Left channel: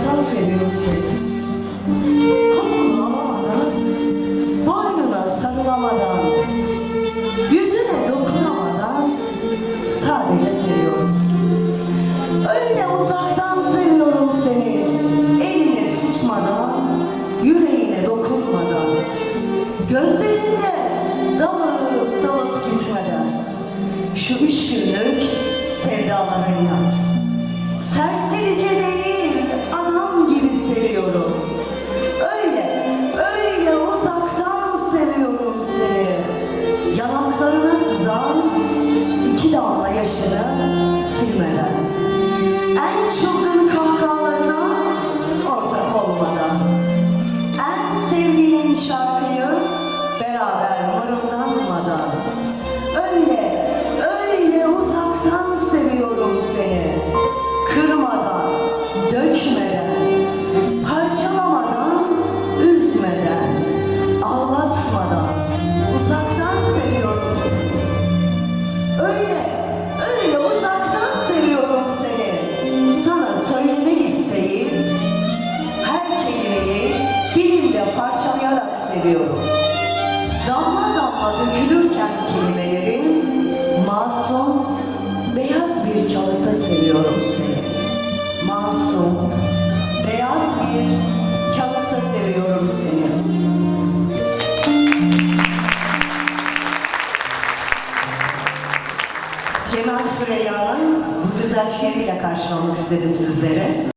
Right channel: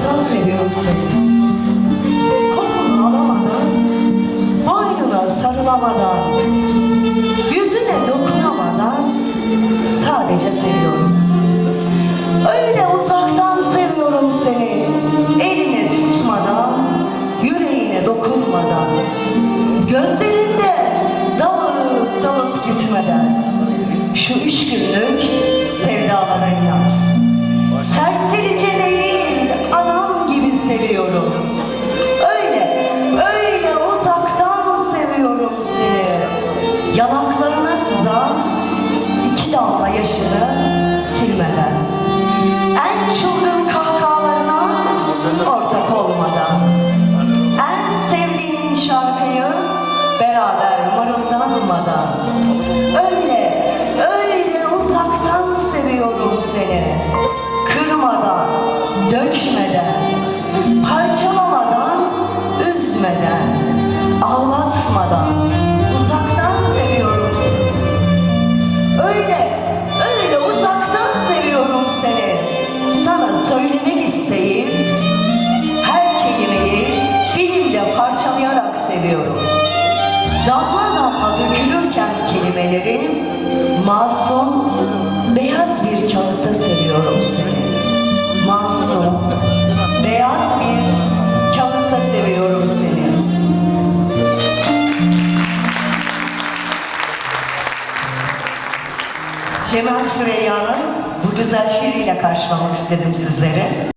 uzaktan seviyorum seni. Kokunu alamadan, boynuna sarılamadan, yüzüne dokunamadan sadece seviyorum. Öyle uzaktan seviyorum seni, eline tutmadan, yüreğine dokunmadan, gözlerinde dalıp dalıp gitmeden, şu üç günlük sevdalara inat. Serserice Yanaklarına sızan iki damla yaşını silmeden. En çılgın kahkahalarına ortak olmadan. En sevdiğin şarkıyı beraber mırıldanmadan. Öyle, öyle uzaktan seviyorum seni. Kırmadan, dökmeden, parçalamadan, üzmeden, ağlatmadan, seviyorum. Damla damla dökülürken kelimelerim masum, beyaz bir kağıtta seviyorum seni. Masum, beyaz bir kağıtta seviyorum seni. Cemal Süreyya'nın bu güzel şiiriyle karşılamak istedim sizlere.